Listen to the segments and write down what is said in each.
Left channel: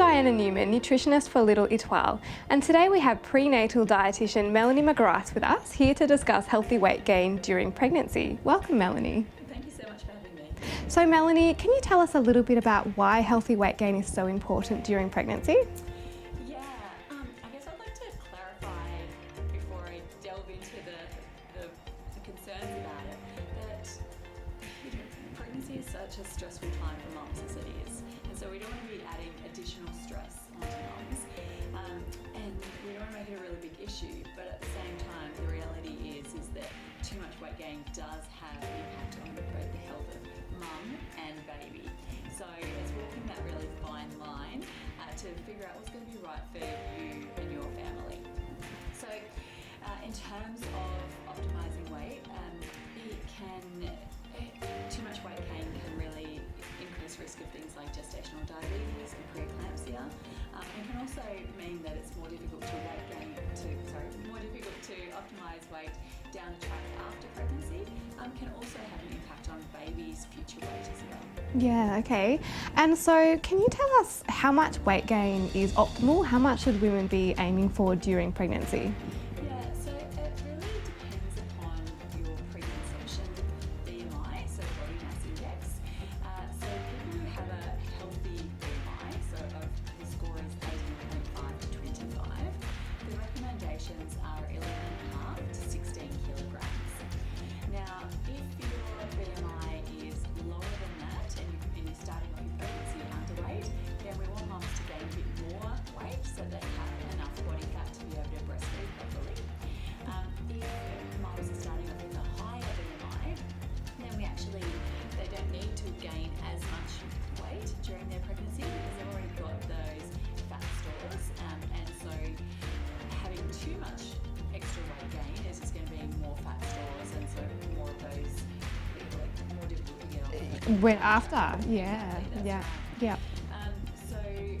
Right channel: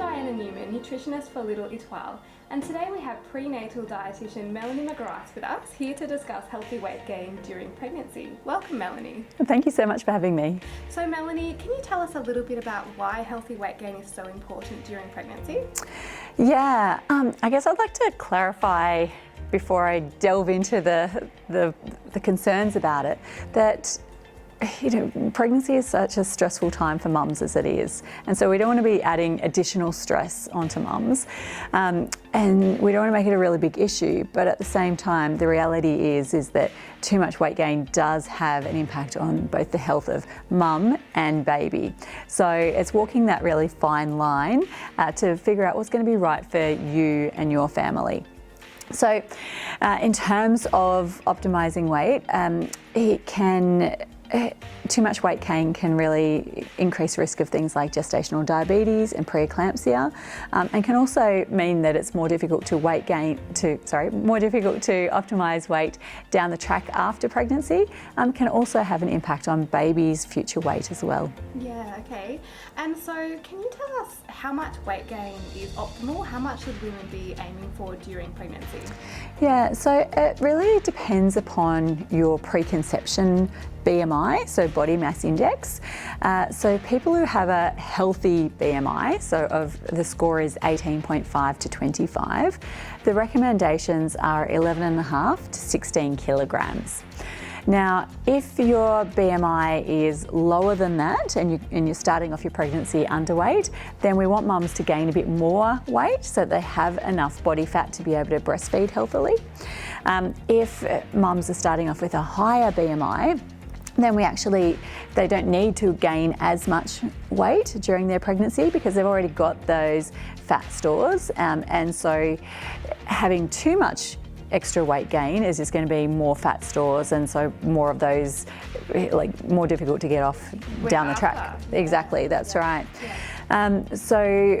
Diana Newman, nutritionist for Little Etoile, and today we have prenatal dietitian Melanie McGrath with us, here to discuss healthy weight gain during pregnancy. Welcome, Melanie. Thank you so much for having me. So Melanie, can you tell us a little bit about why healthy weight gain is so important during pregnancy? Yeah, I guess I'd like to clarify before I delve into the concerns about it, that pregnancy is such a stressful time for mums as it is, and so we don't want to be adding additional stress onto mums, and we don't want to make it a really big issue, but at the same time the reality is that too much weight gain does have an impact on both the health of mum and baby. So it's walking that really fine line to figure out what's going to be right for you and your family. So in terms of optimizing weight, too much weight gain can really increase risk of things like gestational diabetes and preeclampsia, and can also mean that it's more difficult to optimize weight down the track after pregnancy. Can also have an impact on baby's future weight as well. Yeah, okay. And so can you tell us how much weight gain is optimal? How much should women be aiming for during pregnancy? Yeah, so it really depends upon your preconception BMI, so body mass index. So people who have a healthy BMI, so the score is 18.5 to 25, the recommendations are 11.5 to 16 kilograms. Now, if your BMI is lower than that and you're starting off your pregnancy underweight, then we want mums to gain a bit more weight so they have enough body fat to be able to breastfeed healthily. If mums are starting off with a higher BMI, then they don't need to gain as much weight during their pregnancy because they've already got those fat stores, and so having too much extra weight gain is just going to be more fat stores, and so more of those, more difficult to get off down the track. Yeah. Exactly, that's right. Yeah. So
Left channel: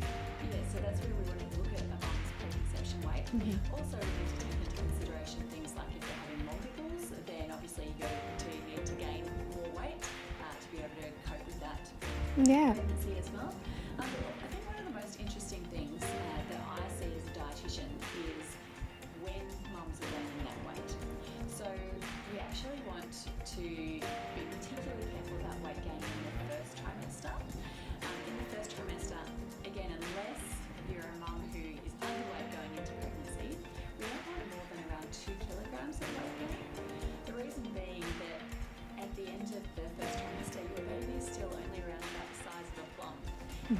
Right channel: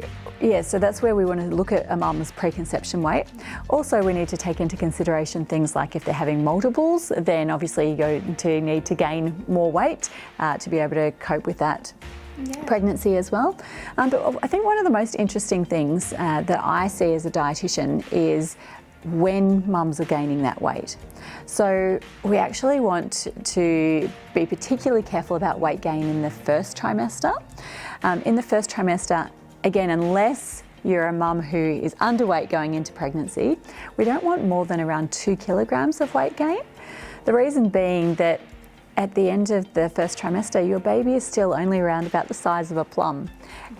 that's where we want to look at a mum's preconception weight. Also, we need to take into consideration things like if they're having multiples, then obviously you're going to need to gain more weight to be able to cope with that pregnancy as well. But I think one of the most interesting things that I see as a dietitian is when mums are gaining that weight. So we actually want to be particularly careful about weight gain in the first trimester. In the first trimester, again, unless you're a mum who is underweight going into pregnancy, we don't want more than around 2 kilograms of weight gain. The reason being that at the end of the first trimester, your baby is still only around about the size of a plum.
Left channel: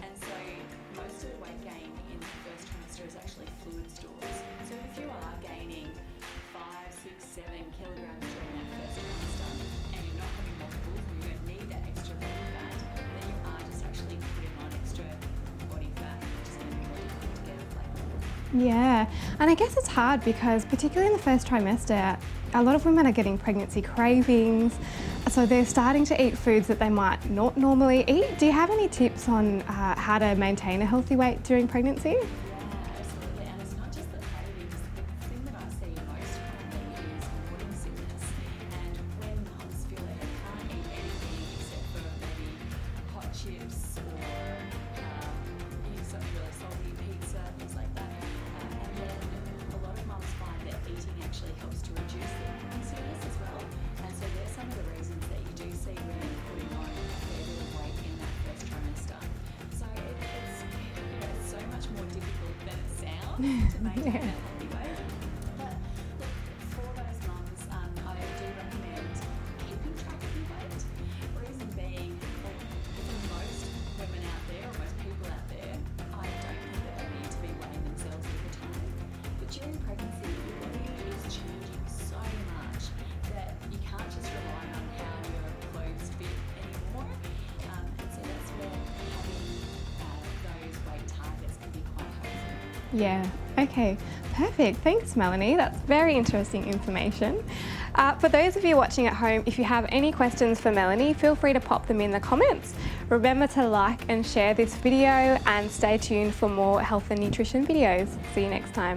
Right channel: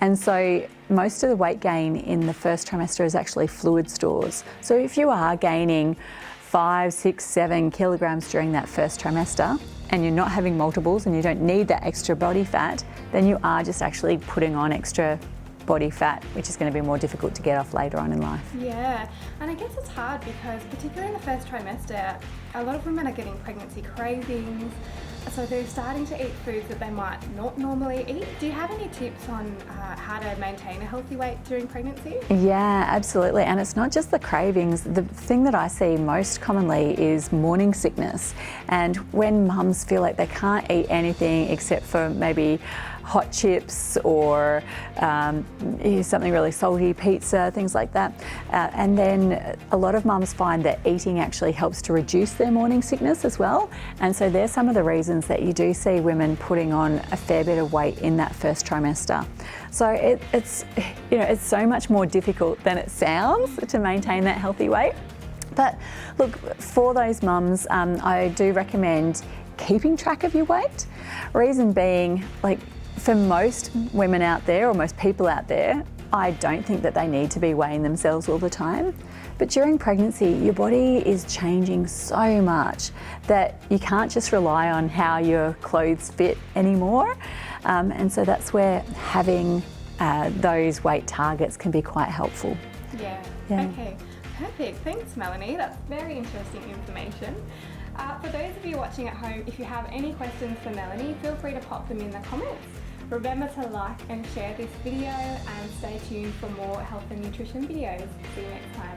And so most of the weight gain in the first trimester is actually fluid stores. So if you are gaining 5, 6, 7 kilograms during that first trimester and you're not having multiples and you don't need that extra body fat, then you are just actually putting on extra body fat, which is going to be more difficult to get off later on in life. Yeah, and I guess it's hard because particularly in the first trimester, a lot of women are getting pregnancy cravings, so they're starting to eat foods that they might not normally eat. Do you have any tips on how to maintain a healthy weight during pregnancy? Yeah, absolutely, and it's not just the cravings. The thing that I see most commonly is morning sickness, and when mums feel like they can't eat anything except for maybe hot chips or something really salty, pizza, things like that. And then a lot of mums find that eating actually helps to reduce their morning sickness as well. And so there's some of the reasons that you do see women putting on a fair bit of weight in that first trimester. So it's so much more difficult than it sounds to maintain that healthy weight. But look, for those mums, I do recommend keeping track of your weight. Reason being, for most women out there, or most people out there, I don't think that they need to be weighing themselves all the time. But during pregnancy, your body is changing so much that you can't just rely on how your clothes fit anymore. And so that's where having those weight targets can be quite helpful. Yeah. Okay, perfect. Thanks, Melanie. That's very interesting information. For those of you watching at home, if you have any questions for Melanie, feel free to pop them in the comments. Remember to like and share this video and stay tuned for more health and nutrition videos. See you next time.